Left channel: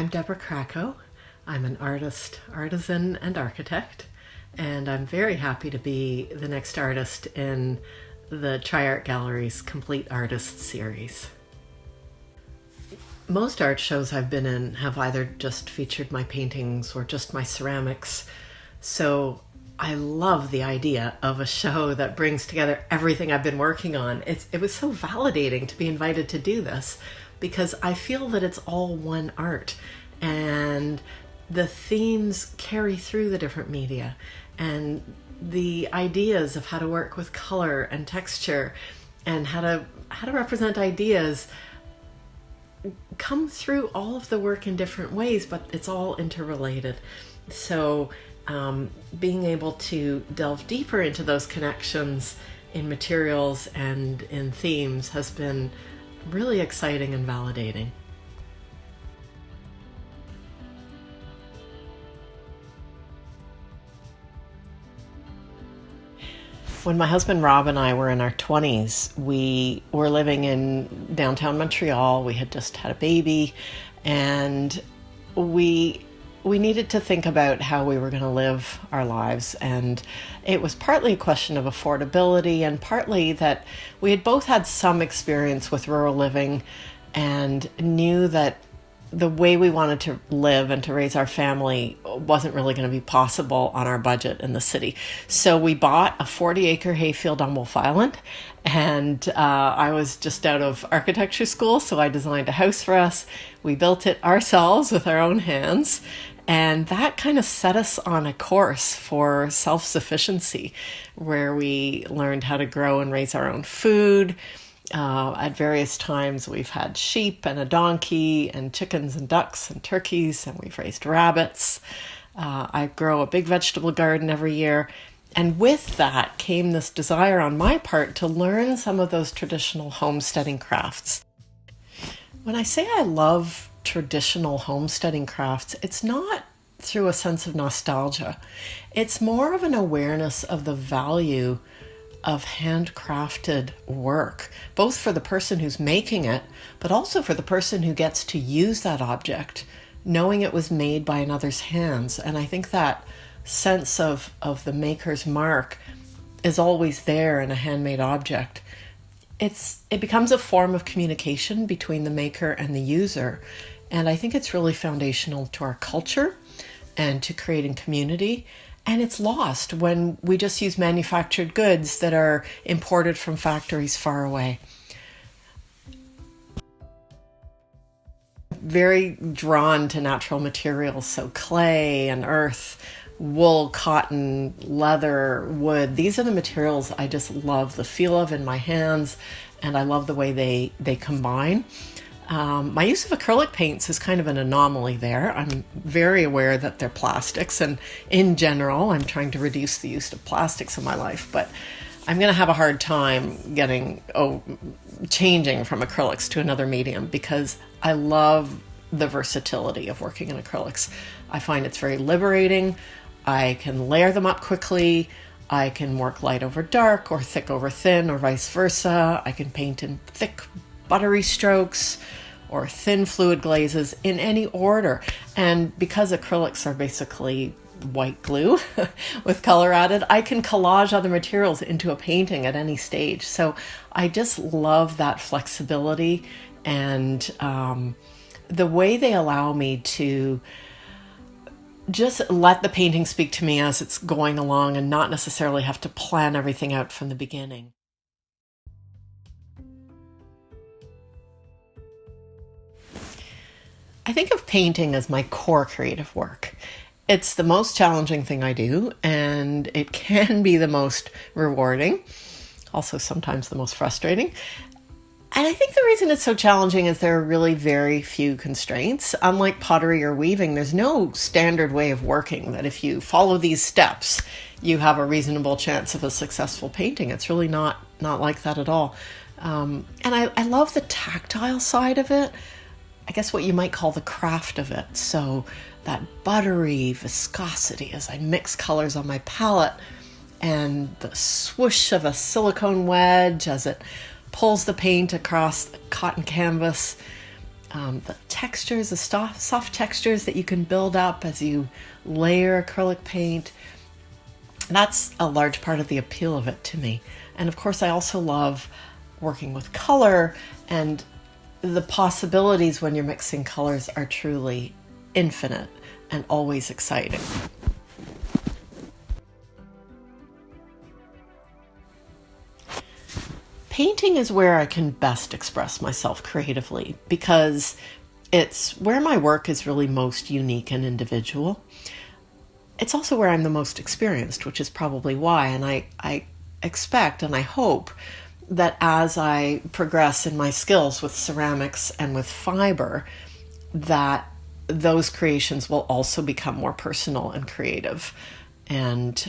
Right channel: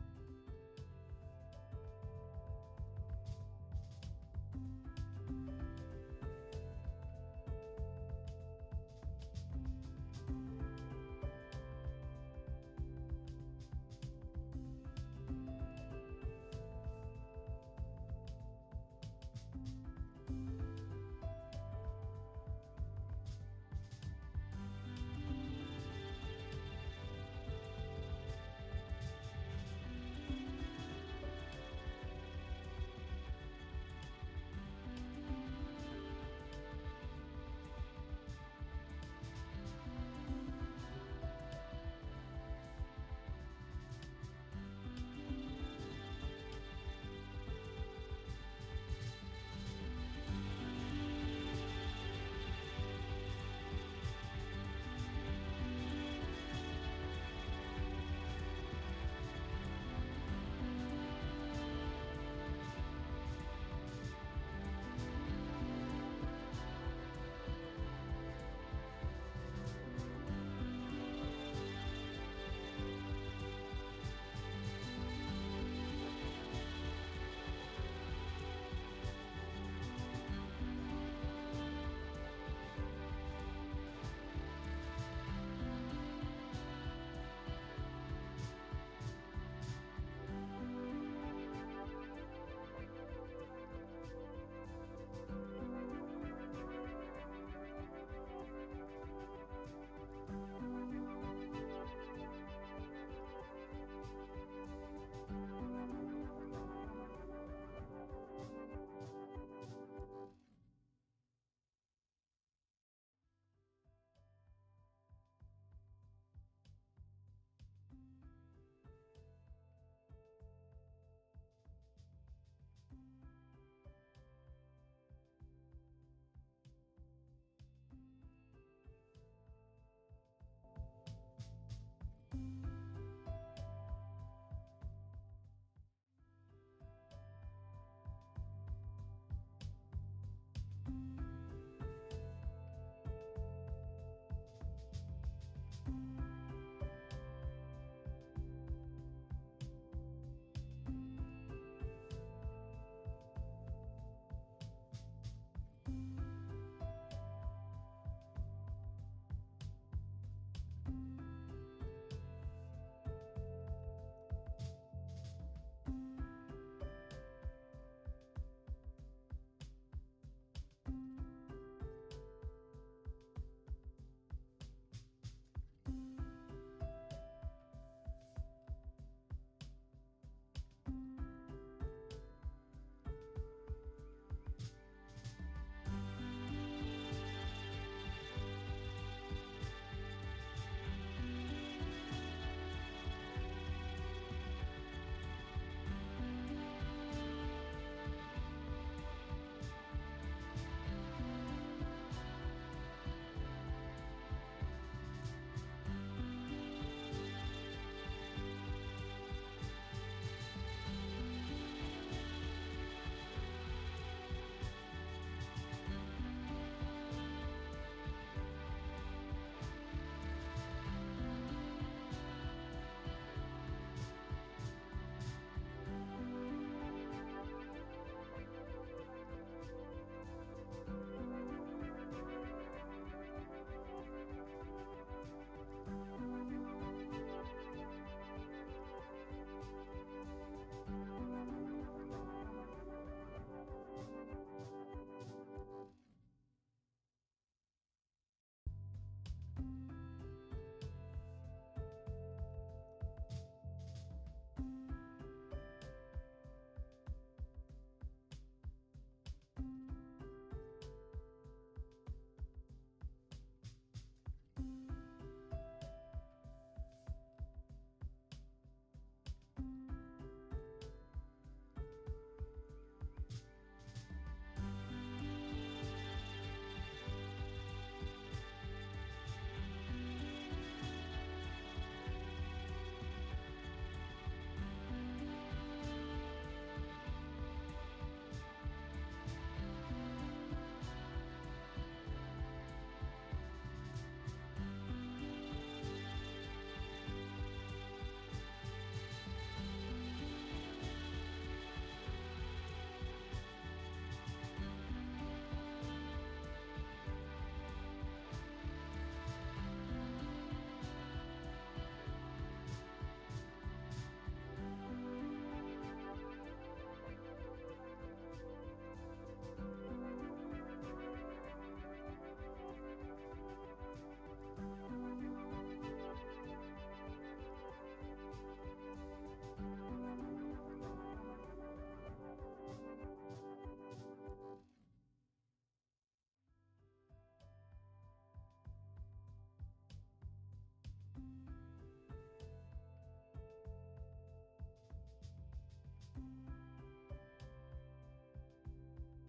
I'm Debra Krakow. I'm an artist, artisan, and architect, and I'm very happy to be the next artist in the Tri-Art Gallery's Complete Artists series. Most art shows I've been in have either just featured my paintings or just my ceramics, so I love the idea of a show that brings together everything I've been working on. It was so validating to be invited to do this because I feel that it's all one art and the themes carry through the different media, and the ideas of how to work with color and texture and how to represent ideas come through all of the work in different ways, but it's all interrelated. So being able to delve deeper into those connections in materials and in themes has been really exciting and validating. When my husband Rob and I were in our 20s, we were living in downtown Montreal. We had just had a baby, and we needed to think about how we were going to live our lives. And it was partly a question of affordability and partly that we had both had some experience with rural living and knew that the way we wanted to live and to raise our family wasn't really going to be possible on our budget in the city. So we bought a 40-acre hayfield on Wolf Island, and I was just out of architecture school, so I designed a house for us. We built it ourselves with our own hands, and that kind of set us on a course for self-sufficiency, where we learned how to grow and raise our own food. At various times we've had sheep and a donkey and chickens and ducks and turkeys, and we've raised rabbits. I grow a big vegetable garden every year. And with that came this desire on my part to learn some of those traditional homesteading crafts. When I say I love traditional homesteading crafts, it's not through a sense of nostalgia. It's more of an awareness of the value of handcrafted work, both for the person who's making it, but also for the person who gets to use that object, knowing it was made by another's hands. And I think that sense of the maker's mark is always there in a handmade object. It becomes a form of communication between the maker and the user. And I think it's really foundational to our culture and to creating community. And it's lost when we just use manufactured goods that are imported from factories far away. Very drawn to natural materials, so clay and earth, wool, cotton, leather, wood. These are the materials I just love the feel of in my hands, and I love the way they combine. My use of acrylic paints is kind of an anomaly there. I'm very aware that they're plastics, and in general, I'm trying to reduce the use of plastics in my life, but I'm going to have a hard time changing from acrylics to another medium because I love the versatility of working in acrylics. I find it's very liberating. I can layer them up quickly. I can work light over dark or thick over thin or vice versa. I can paint in thick, buttery strokes or thin fluid glazes in any order. And because acrylics are basically white glue with color added, I can collage other materials into a painting at any stage. So I just love that flexibility and the way they allow me to just let the painting speak to me as it's going along and not necessarily have to plan everything out from the beginning. I think of painting as my core creative work. It's the most challenging thing I do, and it can be the most rewarding, also sometimes the most frustrating. And I think the reason it's so challenging is there are really very few constraints. Unlike pottery or weaving, there's no standard way of working that if you follow these steps, you have a reasonable chance of a successful painting. It's really not like that at all. And I love the tactile side of it. I guess what you might call the craft of it. So that buttery viscosity as I mix colors on my palette, and the swoosh of a silicone wedge as it pulls the paint across the cotton canvas. the textures, the soft textures that you can build up as you layer acrylic paint. That's a large part of the appeal of it to me. And of course, I also love working with color, and the possibilities when you're mixing colors are truly infinite and always exciting. Painting is where I can best express myself creatively because it's where my work is really most unique and individual. It's also where I'm the most experienced, which is probably why. And I expect and I hope that as I progress in my skills with ceramics and with fiber, that those creations will also become more personal and creative. And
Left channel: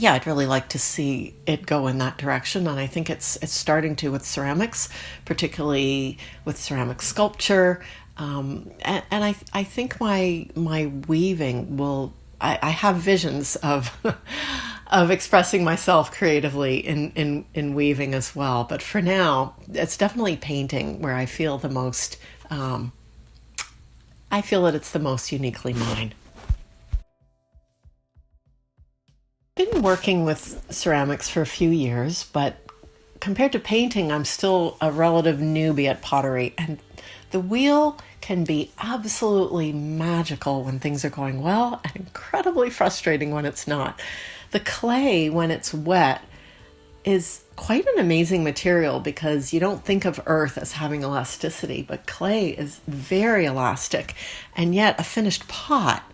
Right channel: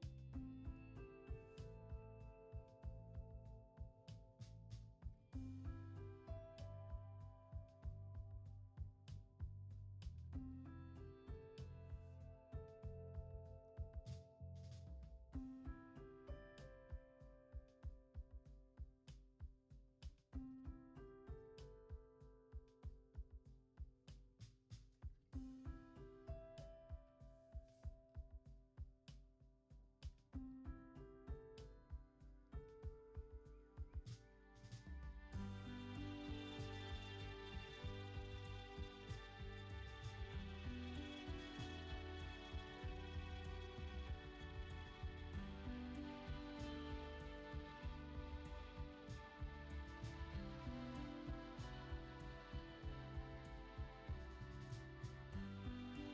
yeah, I'd really like to see it go in that direction. And I think it's starting to with ceramics, particularly with ceramic sculpture. And I think my weaving will. I have visions of of expressing myself creatively in weaving as well. But for now, it's definitely painting where I feel the most. I feel that it's the most uniquely mine. I've been working with ceramics for a few years, but compared to painting, I'm still a relative newbie at pottery, and the wheel can be absolutely magical when things are going well and incredibly frustrating when it's not. The clay, when it's wet, is quite an amazing material because you don't think of earth as having elasticity, but clay is very elastic, and yet a finished pot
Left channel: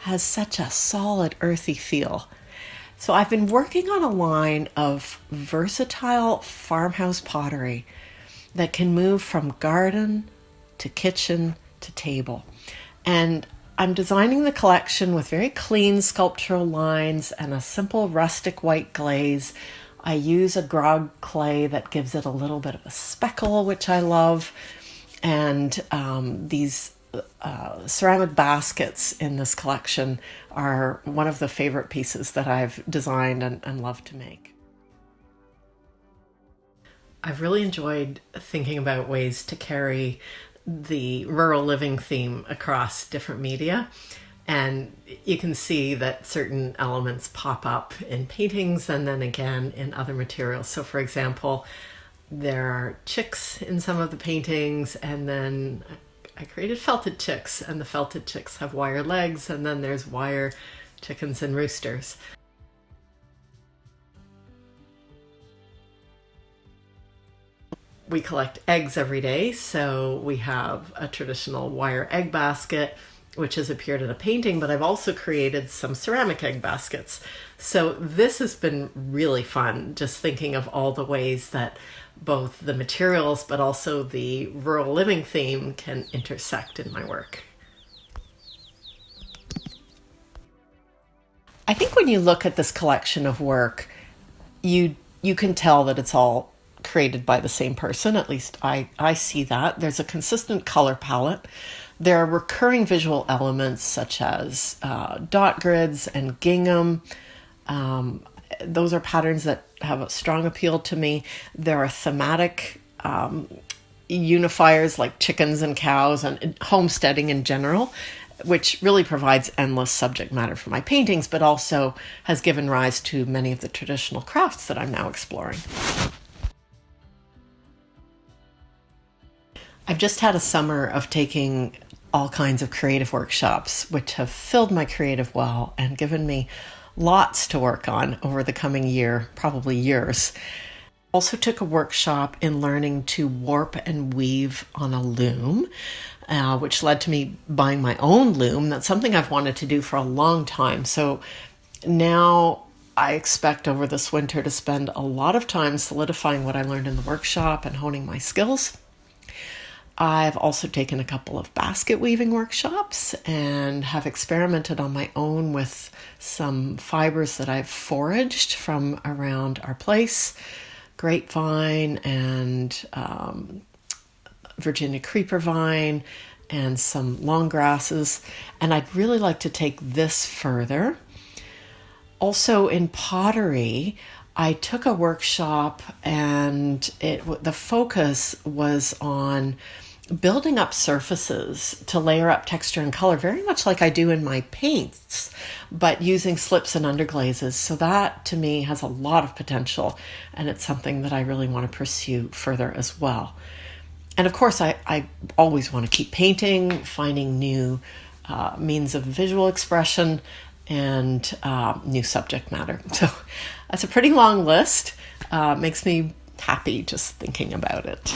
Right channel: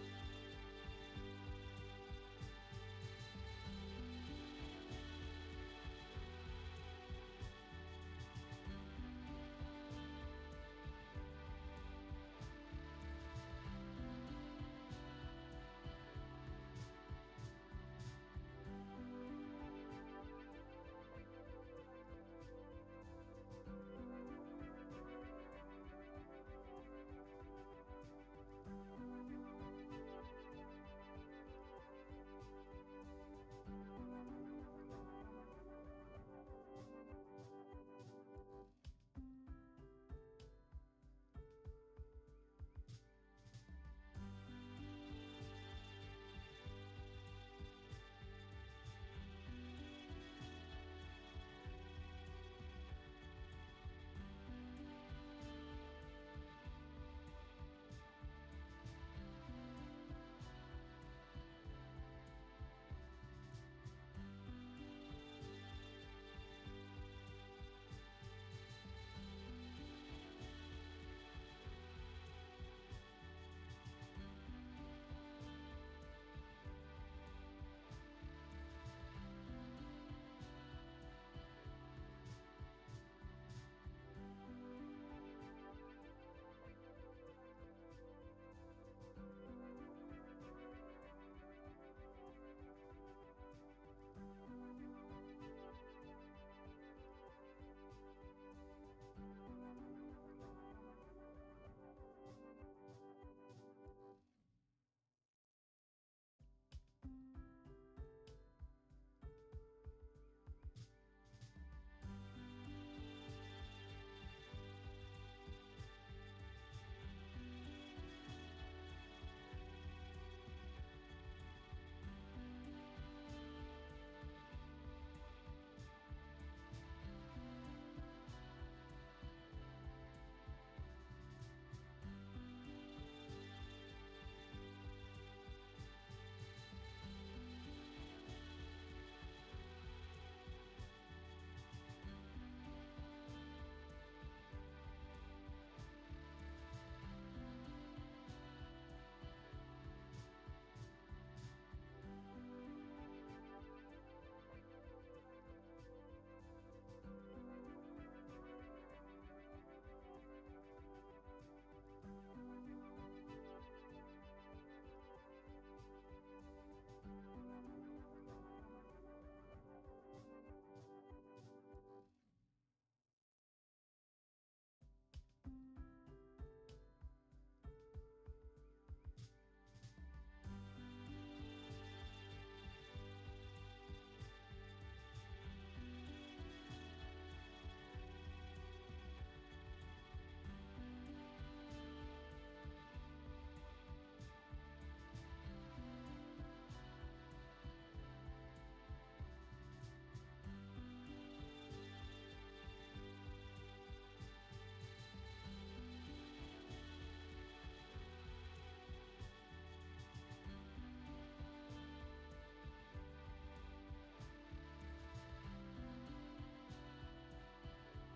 has such a solid, earthy feel. So I've been working on a line of versatile farmhouse pottery that can move from garden to kitchen to table. And I'm designing the collection with very clean sculptural lines and a simple rustic white glaze. I use a grog clay that gives it a little bit of a speckle, which I love. And these ceramic baskets in this collection are one of the favorite pieces that I've designed and love to make. I've really enjoyed thinking about ways to carry the rural living theme across different media. And you can see that certain elements pop up in paintings and then again in other materials. So for example, there are chicks in some of the paintings, and then I created felted chicks, and the felted chicks have wire legs, and then there's wire chickens and roosters. We collect eggs every day, so we have a traditional wire egg basket, which has appeared in a painting, but I've also created some ceramic egg baskets. So this has been really fun, just thinking of all the ways that both the materials but also the rural living theme can intersect in my work. I think when you look at this collection of work, you can tell that it's all created by the same person. At least I see that. There's a consistent color palette. There are recurring visual elements such as dot grids and gingham. Those are patterns that have a strong appeal to me. There are thematic unifiers like chickens and cows and homesteading in general, which really provides endless subject matter for my paintings, but also has given rise to many of the traditional crafts that I'm now exploring. I've just had a summer of taking all kinds of creative workshops, which have filled my creative well and given me lots to work on over the coming year, probably years. Also took a workshop in learning to warp and weave on a loom, which led to me buying my own loom. That's something I've wanted to do for a long time. So now I expect over this winter to spend a lot of time solidifying what I learned in the workshop and honing my skills. I've also taken a couple of basket weaving workshops and have experimented on my own with some fibers that I've foraged from around our place, grapevine and Virginia creeper vine and some long grasses. And I'd really like to take this further. Also in pottery, I took a workshop and the focus was on building up surfaces to layer up texture and color, very much like I do in my paints, but using slips and underglazes. So that to me has a lot of potential, and it's something that I really want to pursue further as well. And of course, I always want to keep painting, finding new means of visual expression and new subject matter. So that's a pretty long list. Makes me happy just thinking about it.